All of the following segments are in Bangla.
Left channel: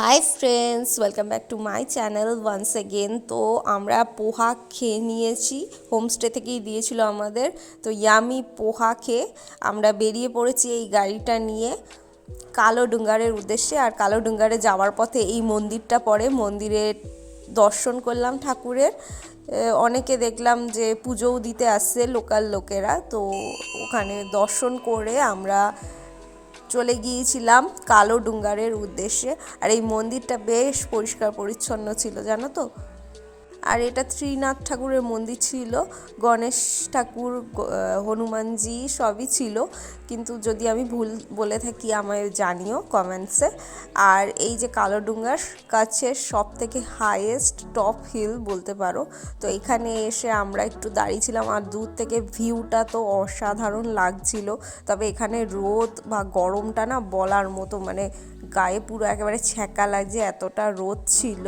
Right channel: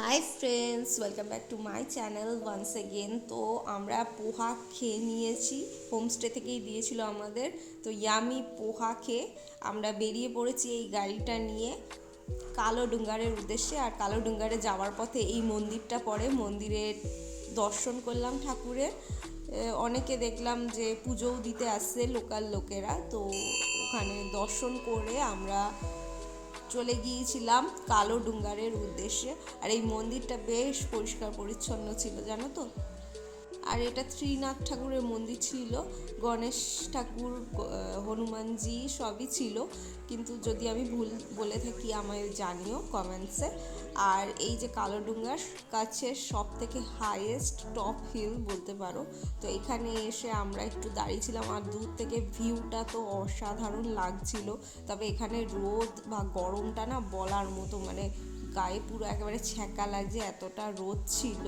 High friends, welcome back to my channel once again. তো আমরা পোহা খেয়ে নিয়েছি, হোমস্টে থেকেই দিয়েছিল আমাদের। তো ইয়ামি পোহা খেয়ে আমরা বেরিয়ে পড়েছি এই গাড়িটা নিয়ে কালোডুঙ্গারের উদ্দেশ্যে। আর কালোডুঙ্গারে যাওয়ার পথে এই মন্দিরটা পড়ে, মন্দিরে দর্শন করলাম ঠাকুরের। অনেকে দেখলাম যে পুজোও দিতে আসছে লোকাল লোকেরা, তো ওখানে দর্শন করে আমরা চলে গিয়েছিলাম কালোডুঙ্গারের উদ্দেশ্যে। আর এই মন্দিরটা বেশ পরিষ্কার পরিচ্ছন্ন ছিল, জানো তো। আর এটা ত্রিনাথ ঠাকুরের মন্দির ছিল, গণেশ ঠাকুর, হনুমানজি সবই ছিল, কিন্তু যদি আমি ভুল বলে থাকি আমায় জানিও কমেন্টসে। আর এই যে কালোডুঙ্গার কাছে সব থেকে হাইয়েস্ট টপ হিল বলতে পারো। তো এখানে এসে আমরা একটু দাঁড়িয়েছিলাম, আর দূর থেকে ভিউটা তো অসাধারণ লাগছিল। তবে এখানে রোদ বা গরমটা না বলার মতো, মানে গায়ে পুরো একেবারে ছ্যাঁকা লাগছে, এতটা রোদ ছিল।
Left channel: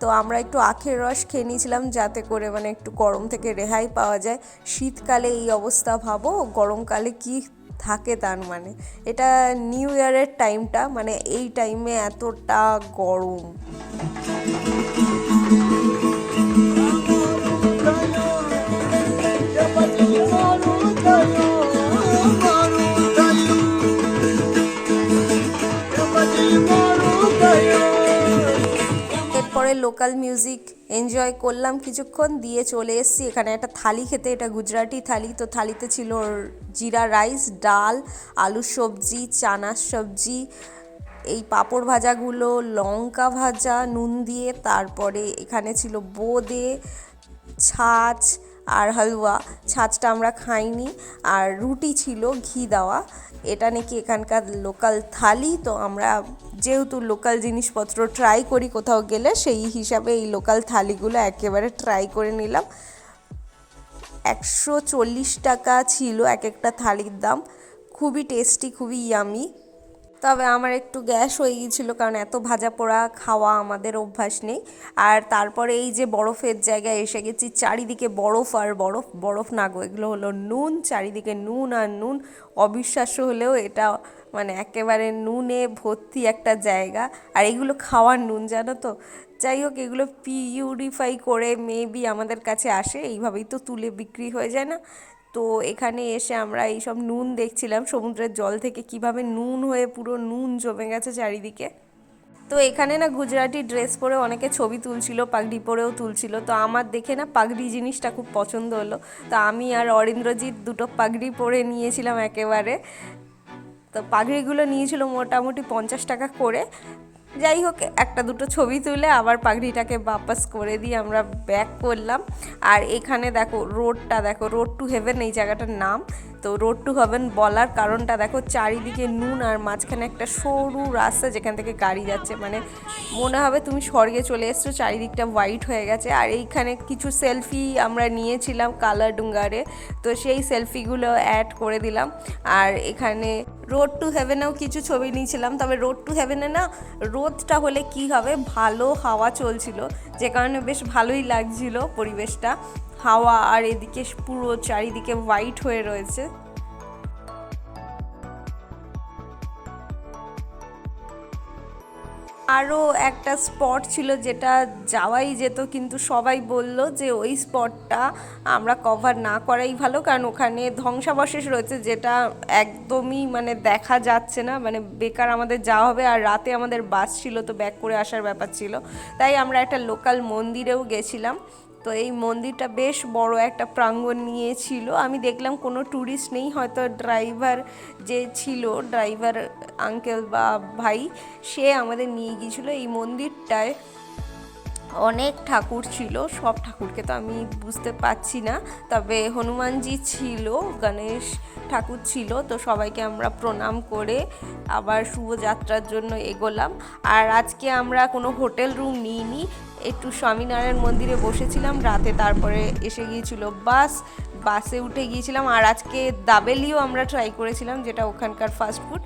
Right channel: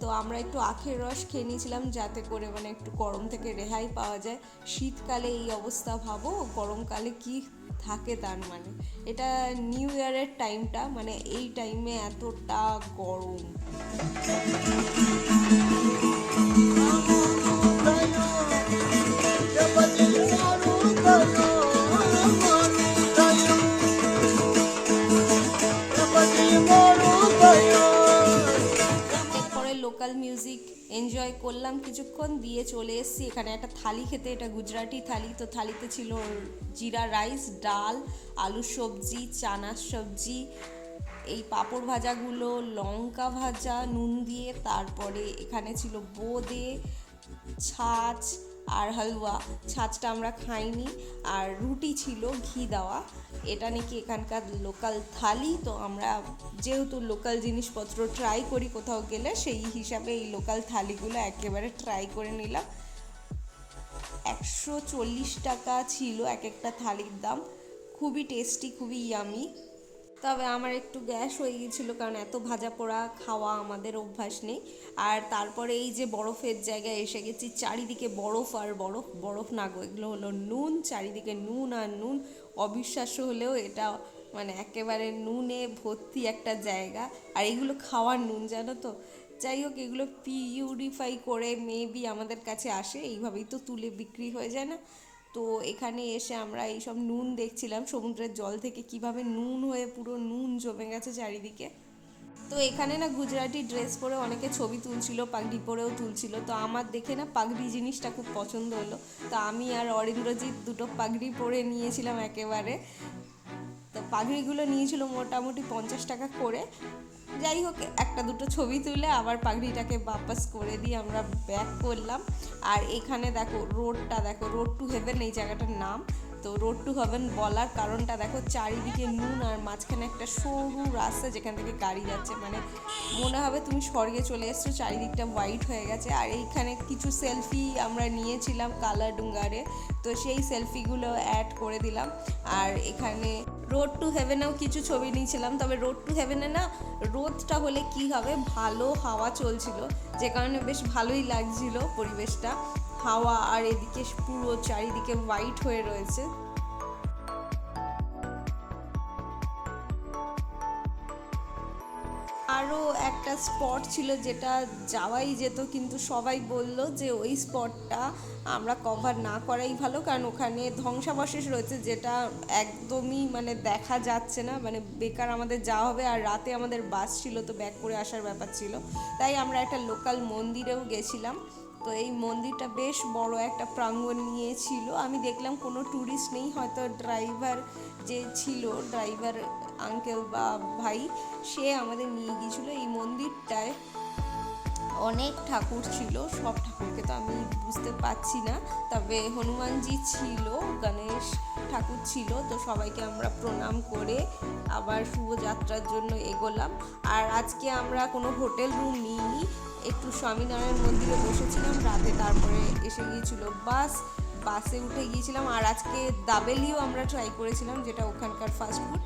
তো আমরা একটু আখের রস খেয়ে নিয়েছিলাম, যাতে করে মানে একটু গরম থেকে রেহাই পাওয়া যায়। শীতকালে এই অবস্থা ভাবো, গরমকালে কি থাকে তার মানে। এটা নিউ ইয়ারের টাইমটা, মানে এই টাইমে এতটা গরম। এরপরে লোকাল মিউজিক এনজয় করলাম কিছুক্ষণ, দিয়ে চলে এসেছি এখানে একটা থালি খেতে। এটা গুজরাটি থালি। তো থালিতে ছিল জিরা রাইস, ডাল, আলু সবজি, চানার সবজি, এই পাঁপড় ভাজাগুলো, লঙ্কা ভাজা নুন দিয়ে, তারপরে এখানে ছিল বোঁদে, ছাঁচ আর হালুয়া। ছাঁচটা আমরা খাইনি। আর রুটি ছিল ঘি দেওয়া। এটা নাকি এখানকার লোকাল থালি। তো আমরা যেহেতু লোকাল জিনিসপত্র ট্রাই করি কোথাও গেলে, সেই হিসাবে এই লোকাল থালিগুলো একেবারে ট্রাই করে নিলাম। 140 টাকা ছিল এক একটা থালির দাম। খুবই টেস্টি, খুবই ইয়ামি। তবে আমার একটু গ্যাস হয়ে গিয়েছিলো, কারণ এত ভাজা পোড়া খাওয়া আমাদের অভ্যাস নেই। আর তারপরে এই যে বরফের জায়গায় এসে গেছি, চারিদিকে বরফ আর বরফ। বরফ না গো, এগুলো হলো নুন, চারিদিকে নুন আর নুন। অবিশ্বাস্য হলেও এটা মানে একেবারে নুনে ভর্তি একটা জায়গা। আর এগুলো খাওয়ার নুন, জানো তো। যাই হোক, এগুলো পিউরিফাই করে মেবি আমাদের কাছে আসে, এইভাবেই তো তুলে বিক্রি হয়ে যায় না। তো এখানে এসে আমরা এইসব নুন দেখছিলাম সমুদ্রের জল থেকে, কিভাবে নুন হয়ে পুরো নুন জমে গেছে চারিদিকে। তো এখানে না গুজরাটি ড্রেস পরে অনেকে ছবি তুলছিল, পাগড়ি পরেও তুলছিল। তো আমার দেখে না পাগড়ি জিনিসটা খুব পছন্দ হলো। তো আমি আর অরিন্দ্রজিৎ দুটো পাগড়ি পরে নিয়েছিলাম একেবারে। তো পাগড়িগুলো নিয়েছিল মোটামুটি 50 টাকা করে। যাই হোক, একটা দুটো ছবি তুলে আবার পাগড়িটাকে বাপাস করে দিয়ে আমরা ব্যাক করলাম। আর এখানে দেখো রোডটা, দেখো রোড টু হেভেন এই জায়গাটার নাম। তো রোড টু হেভেন বলার কারণটা দেখো, চারিদিকে নুন আর মাঝখানে একটা সরু রাস্তা যেখান থেকে গাড়ি যাচ্ছে, মানে মনে হবে তুমি স্বর্গে চলে এসছো। চারিদিকটা হোয়াইট হয়ে গেছে। আর এইখানে কিছু সেলফি আমরা নিয়েছিলাম কালাডুঙ্গারে, তো সেই সেলফিগুলো অ্যাড করে দিলাম। আর এখানে রোড টু হেভেনেও কিছু ছবি নিয়েছিলাম। তবে রোড টু হেভেনে না রোদটা হলে কি হবে, ভালো হাওয়া চলছিল, যে কারণে বেশ ভালোই লাগছিল পরিবেশটা, হাওয়া। আর এদিকে পুরো চারিদিকে হোয়াইট হয়ে রয়েছে। আরও একটা স্পট ছিল যেটা যাওয়াই যেত, কিন্তু সবাই বলল যে ওই স্পটটা আমরা কভার না করাই ভালো, কারণ ওখানে ধ্বংসাবশেষ রয়েছে, যেটা একদমই মানে দেখা যাচ্ছে না, মানে বেকার আমাদের যাওয়া হবে। আর রাতে আমাদের বাস ছিল, তো ব্যাক করে আসার ব্যাপার ছিল। তাই আমরা একটা লোকাল মন্দিরেও গেছিলাম। তো এই মন্দিরটা বেশ বড় একটা প্রাঙ্গণ নিয়েছিল। আমি দেখলাম কোনো ট্যুরিস্ট নেই, হয়তো ড্রাইভার যে ছিল, ড্রাইভার আঙ্কেল বা ভাই, সে আমাদের নিয়ে গিয়েছিলো। এই মন্দিরটায় অনেক ঠাকুর ছিল, সব ঠাকুরকে তো আমি বুঝতে পারছি না, তবে হনুমানজি ছিল, গণেশ ঠাকুর ছিল। তো সবাইকে আমরা প্রণাম করে আবার শুভযাত্রার জন্য এগোলাম। আর আজকে আমরা কোনো হোটেল রুম নিইনি, একটু স্বামীনারায়ণ মন্দিরে বসেছিলাম রাতে, তারপরে এসে গিয়েছিল বাসে উঠে গিয়েছিলাম। আর আজকে দাবেলিও আমরা ট্রাই করেছিলাম, যেটা ওখানকার ফাস্টফুড।